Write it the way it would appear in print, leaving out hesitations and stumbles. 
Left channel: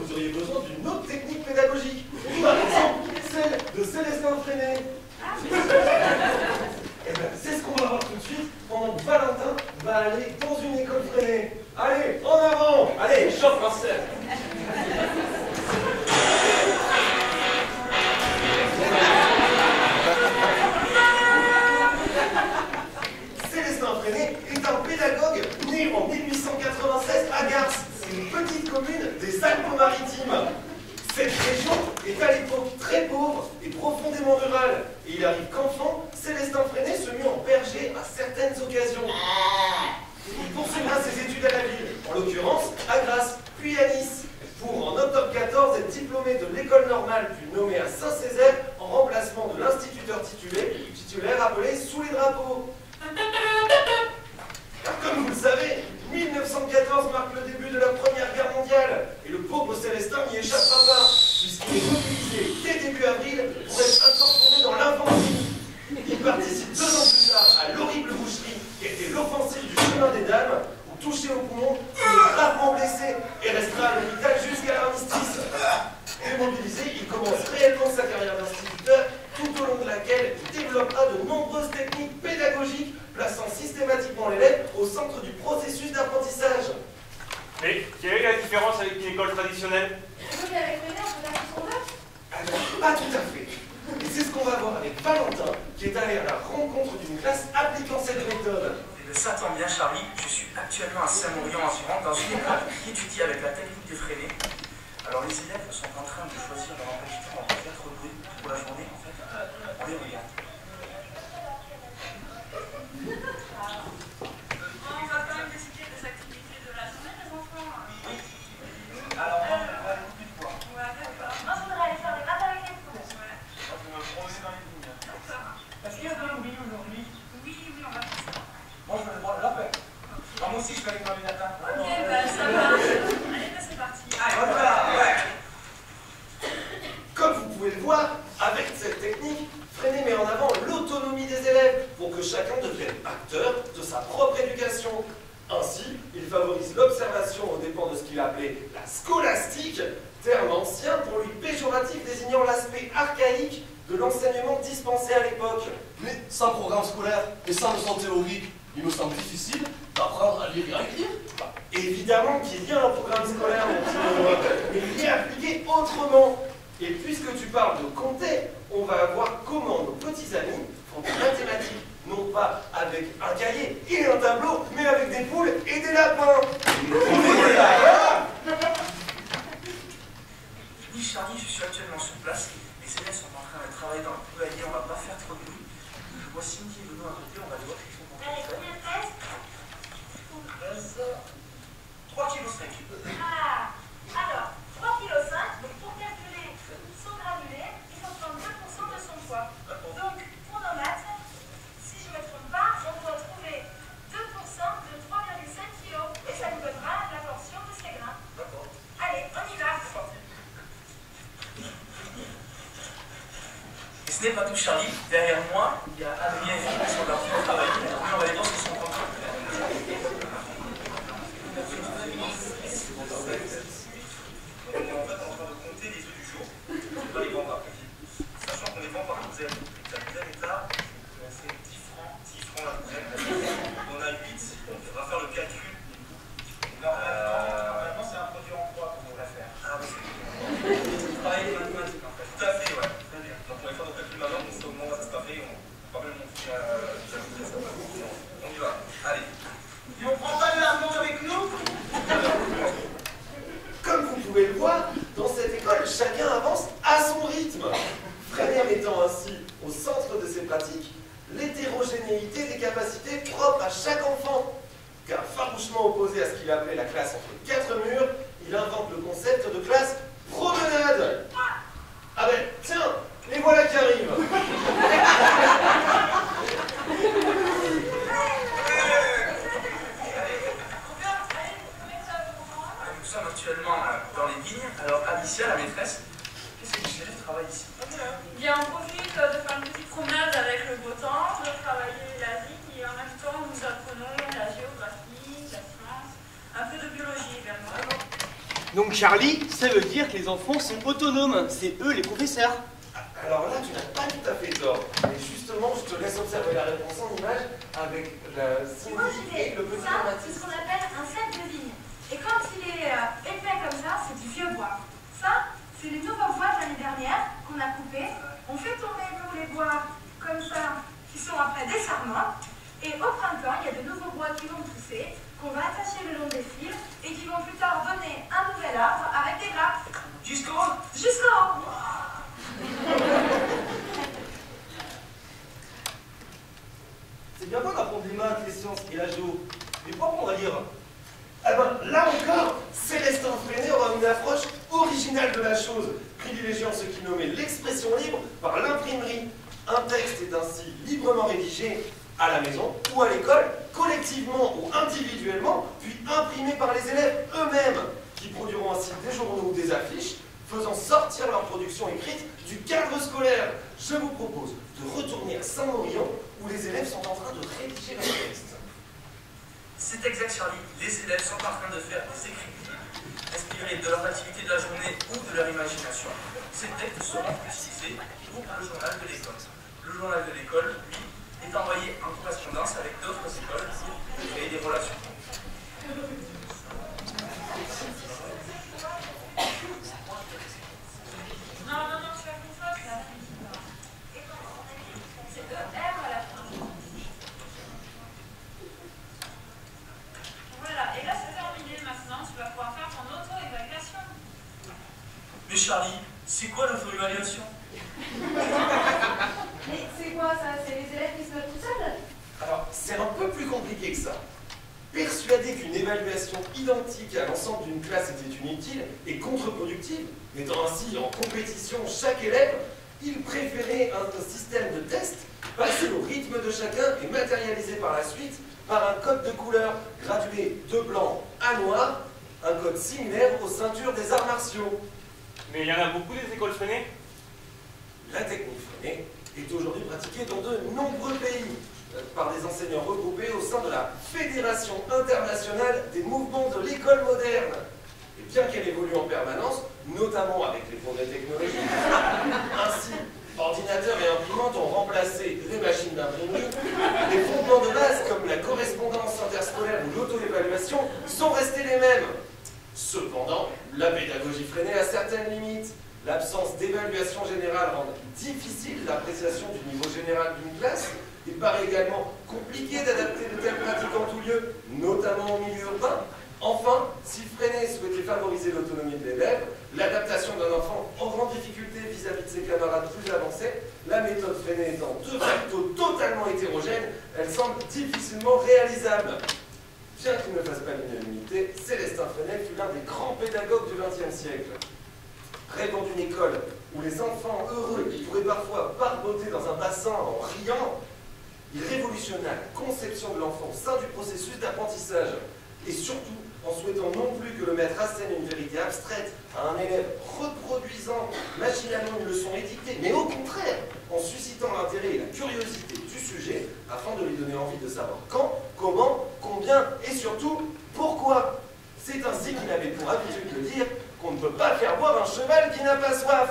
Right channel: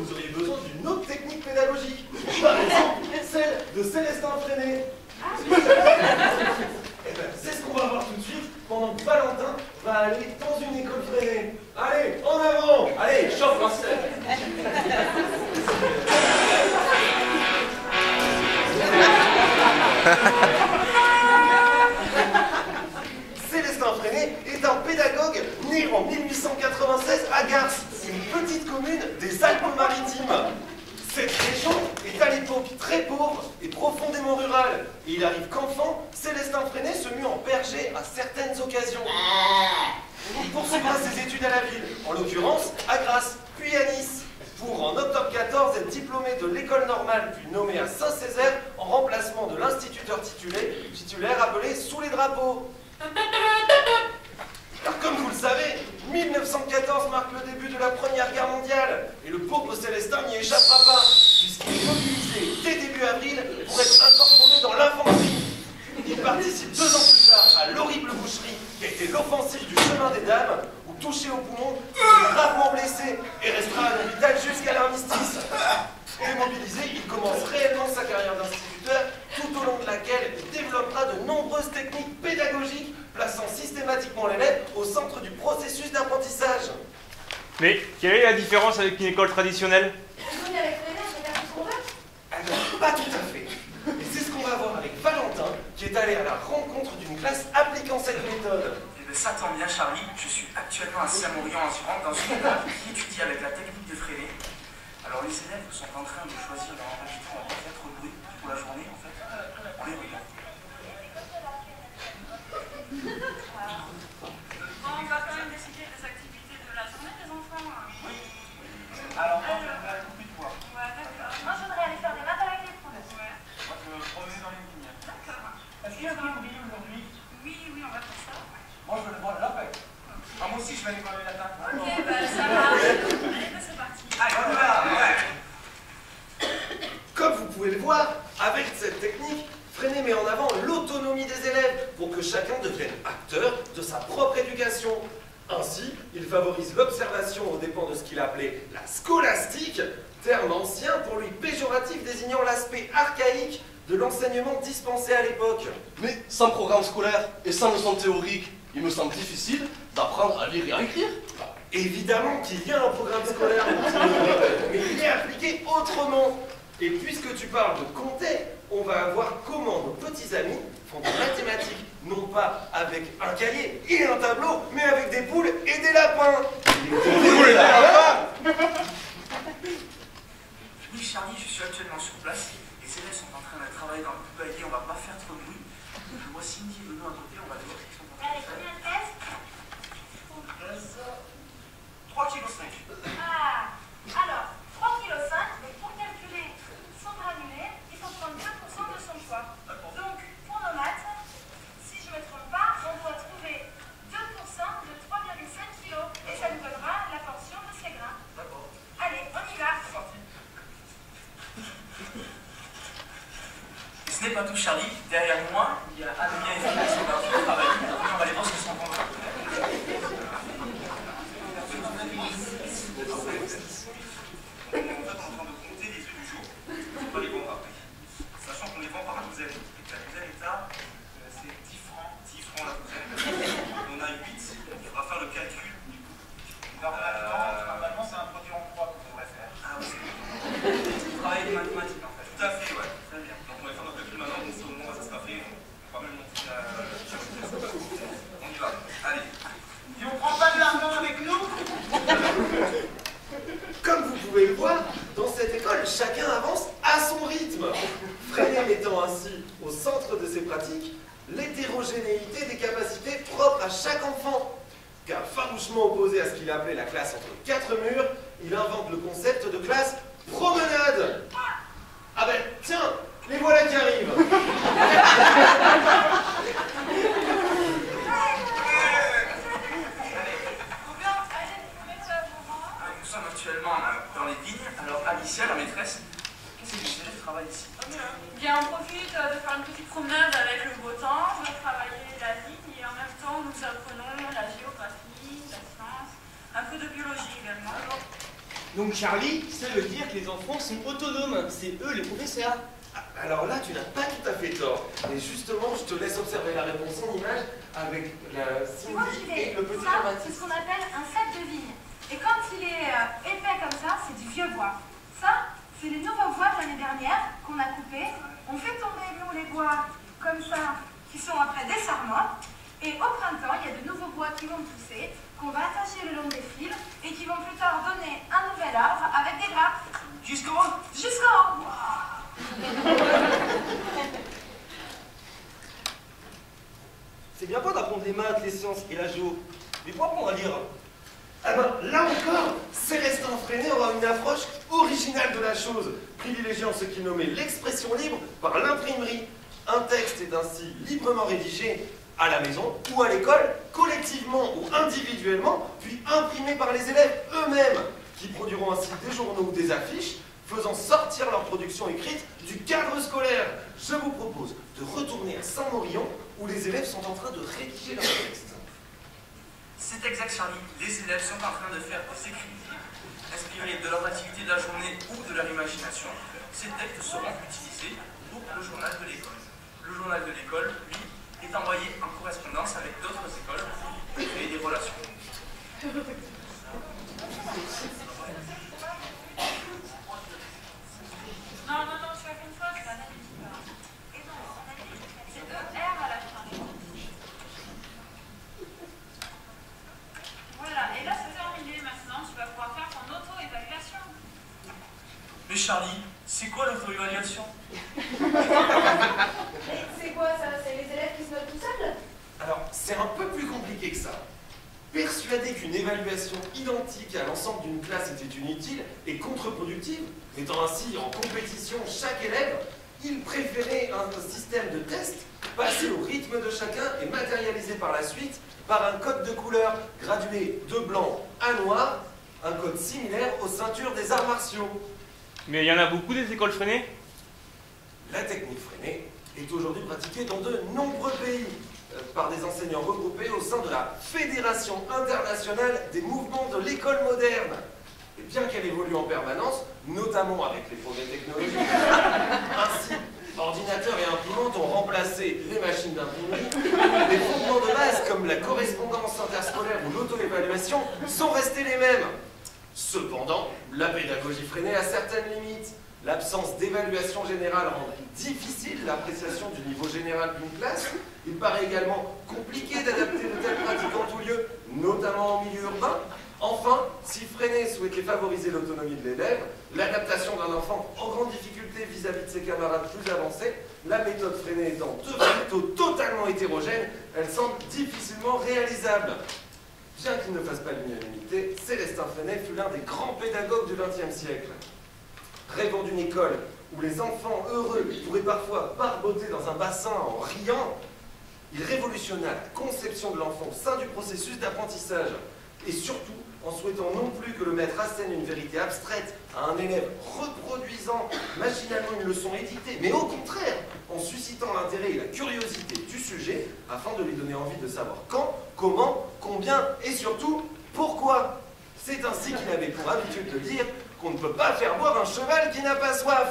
vous auriez besoin d'une autre technique pédagogique. Par exemple, celle de Célestin Freinet. Et bien, c'est ce qu'on va voir tout de suite quand Valentin va aller dans une école Freinet. Allez, en avant! Allez, chauffe Marcel! Célestin Freinet est un pédagogue né en 1896 à Garces, une petite commune des Alpes-Maritimes. Cette région est à l'époque très pauvre et profondément rurale. Et il arrive qu'enfant, Célestin Freinet se mue en berger à certaines occasions. Il poursuivra ses études à la ville, en l'occurrence à Grasse, puis à Nice, pour en octobre 14 être diplômé de l'école normale puis nommé à Saint-Césaire en remplacement de l'instituteur titulaire appelé Sous les drapeaux. Comme vous le savez, 1914 marque le début de la Première Guerre mondiale et le pauvre Célestin n'y échappera pas puisqu'il est mobilisé dès début avril pour être incorporé dans l'infanterie. Il participe 2 ans plus tard à l'horrible boucherie qui était l'offensive du chemin des dames où, touché au poumon, il est gravement blessé et restera à l'hôpital jusqu'à l'armistice. Mobilisé, il commence réellement sa carrière d'instituteur, tout au long de laquelle il développera de nombreuses techniques pédagogiques, plaçant systématiquement l'élève au centre du processus d'apprentissage. Mais quelle est la différence avec une école traditionnelle? Pas tout à fait. Et c'est ce qu'on va voir avec Valentin, qui est allé à la rencontre d'une classe appliquant cette méthode. Eh bien, ça tombe bien, Charlie. Je suis actuellement à Saint-Maurian en Gironde, dans une école qui étudie avec la technique de Freinet. Alors, les élèves sont en train de choisir leur emploi du temps en 4 bruits pour la journée, en fait. On les regarde. On va quand même décider des activités de la journée, les enfants. Alors, moi, j'aimerais beaucoup de fois. Ouais, d'accord. Moi, je voudrais aller faire des maths avec les fonds. Ouais. Moi, je veux me promener dans les vignes. D'accord. Est-ce qu'il y a des bruits aujourd'hui? Oui, on va faire ça. Moi, je vais aller voir la paix. Ah, moi aussi, je vais aller voir les latins. Ok, bah ça marche. Allez, bah c'est parti. Allez, on va. Ouais. Comme vous pouvez le voir, avec cette technique, Freinet met en avant l'autonomie des élèves pour que chacun devienne acteur de sa propre éducation. Ainsi, il favorise l'observation aux dépens de ce qu'il appelait la scolastique, terme ancien pour lui péjoratif désignant l'aspect archaïque de l'enseignement dispensé à l'époque. Mais sans programme scolaire et sans leçon théorique, il me semble difficile d'apprendre à lire et à écrire. Évidemment qu'il y a un programme scolaire, mais il est appliqué autrement. Et puisque tu parles de compter, on va voir comment nos petits amis font des mathématiques, non pas avec un cahier et un tableau, mais avec des poules et des lapins. Oui, Charlie, je suis actuellement sur place. Les élèves sont en train de travailler dans le poulailler, on va pas faire trop de bruit. Je vois Cindy et Benoît à côté, on va aller voir ce qu'ils sont en train Allez, de faire. combien de tests 3,5 kg. Ah, alors, 3,5 kg, donc pour calculer son granulé, il faut prendre 2% de son poids. Donc, pour nos maths, si je ne me trompe pas, on doit trouver 2% de 3,5 kg. Et ça nous donnera la portion de ces grains. D'accord. Allez, on y va. C'est parti. Et ce n'est pas tout, Charlie. Derrière moi, il y a Adrien qui sont en train de travailler. On va aller voir ce qu'ils sont en train de faire. En fait, on est en train de compter les œufs du jour. On va les vendre après. Sachant qu'on les vend par douzaine. Et que la douzaine est à c'est 10 francs la douzaine. On a 8, donc il faudra faire le calcul. Normalement, c'est un produit en croix qu'on devrait faire. Ah oui, c'est travailler les mathématiques en fait. Tout à fait, ouais. Très bien. Donc on va faire notre calcul maintenant, donc au moment où ça sera fait, on va même monter on y va. Allez. Et on prend pas de l'argent avec nous? Comme vous pouvez le voir, dans cette école, chacun avance à son rythme. Freinet mettant ainsi au centre de ses pratiques l'hétérogénéité des capacités propres à chaque enfant. Car farouchement opposé à ce qu'il appelait la classe entre 4 murs, il invente le concept de classe promenade. Ah ben, tiens, les voilà qui arrivent. Nous sommes actuellement dans les vignes. Alors Alicia, la maîtresse, qu'est-ce que tu fais? Je travaille ici. Bien, on profite de faire une petite promenade avec le beau temps, de travailler la vigne et en même temps nous apprenons la géographie, la science, un peu de biologie également. Donc Charlie, ça veut dire que les enfants sont autonomes, c'est eux les professeurs. Alors là, tu n'as pas tout à fait tort. Mais justement, je te laisse observer la réponse en image avec la Cindy et le petit Ça, Mathis. c'est ce qu'on appelle un set de vigne. Et quand il est épais comme ça, c'est du vieux bois. Ça, c'est les nouveaux bois de l'année dernière qu'on a coupés. On fait tomber, nous, les bois comme ça, qui sont après des sarments. Et au printemps, il y a de nouveaux bois qui vont pousser, qu'on va attacher le long des fils, et qui vont plus tard donner un nouvel arbre avec des grappes. Jusqu'au haut. Jusqu'en haut. C'est bien beau d'apprendre les maths, les sciences et la géo, mais faut apprendre à lire. Ah ben, là encore, Célestin Freinet aura une approche originale de la chose, privilégiant ce qu'il nommait l'expression libre par l'imprimerie. Un texte est ainsi librement rédigé à la maison ou à l'école, collectivement ou individuellement, puis imprimé par les élèves eux-mêmes, qui produiront ainsi des journaux ou des affiches, faisant sortir leur production écrite du cadre scolaire. Je vous propose de retourner à Saint-Maurian, où les élèves sont en train de rédiger leur texte. C'est exact, Charlie. Les élèves sont en train de faire des écrits inspirés de leur activité de la journée ou de leur imagination. Ces textes seront utilisés pour le journal de l'école. Le journal de l'école, lui, est envoyé en correspondance avec d'autres écoles pour créer des relations. Non, tu as une faute là. C'est ER à la fin. Voilà, et là c'est terminé maintenant, tu vas pouvoir faire ton auto-évaluation. Mais Charlie, c'est quoi l'auto-évaluation? Mais c'est quoi ça? C'est les élèves qui se notent tout seuls? Alors, c'est un peu plus compliqué que ça. Persuadé qu'une évaluation identique à l'ensemble d'une classe était inutile et contre-productive, mettant ainsi en compétition chaque élève, il préférait un système de test passé au rythme de chacun et matérialisé par la suite par un code de couleur gradué de blanc à noir, un code similaire aux ceintures des arts martiaux. Mais il y en a beaucoup des écoles Freinet? La technique Freinet est aujourd'hui pratiquée dans de nombreux pays par des enseignants regroupés au sein de la Fédération internationale des mouvements de l'école moderne. Et bien qu'elle évolue en permanence, notamment avec les progrès technologiques, ainsi, ordinateurs et imprimantes ont remplacé les machines d'imprimerie, les fondements de base comme la correspondance interscolaire ou l'auto-évaluation sont restés les mêmes. Cependant, la pédagogie Freinet a certaines limites. L'absence d'évaluation générale rend difficile l'appréciation du niveau général d'une classe. Il paraît également compliqué d'adapter de telles pratiques en tout lieu, notamment en milieu urbain. Enfin, si Freinet souhaitait favoriser l'autonomie de l'élève, l'adaptation d'un enfant en grande difficulté vis-à-vis de ses camarades plus avancés, la méthode Freinet étant plutôt totalement hétérogène, elle semble difficilement réalisable. Bien qu'il ne fasse pas l'unanimité, Célestin Freinet fut l'un des grands pédagogues du XXe siècle. Rêvant d'une école où les enfants heureux pourraient parfois barboter dans un bassin en riant, il révolutionna la conception de l'enfant au sein du processus d'apprentissage. Et surtout, en souhaitant non plus que le maître assène une vérité abstraite à un élève reproduisant machinalement une leçon édictée, mais au contraire, en suscitant l'intérêt et la curiosité du sujet, afin de lui donner envie de savoir quand, comment, combien et surtout pourquoi. C'est ainsi qu'il avait pour habitude de dire qu'on ne peut pas faire boire un cheval qui n'a pas soif.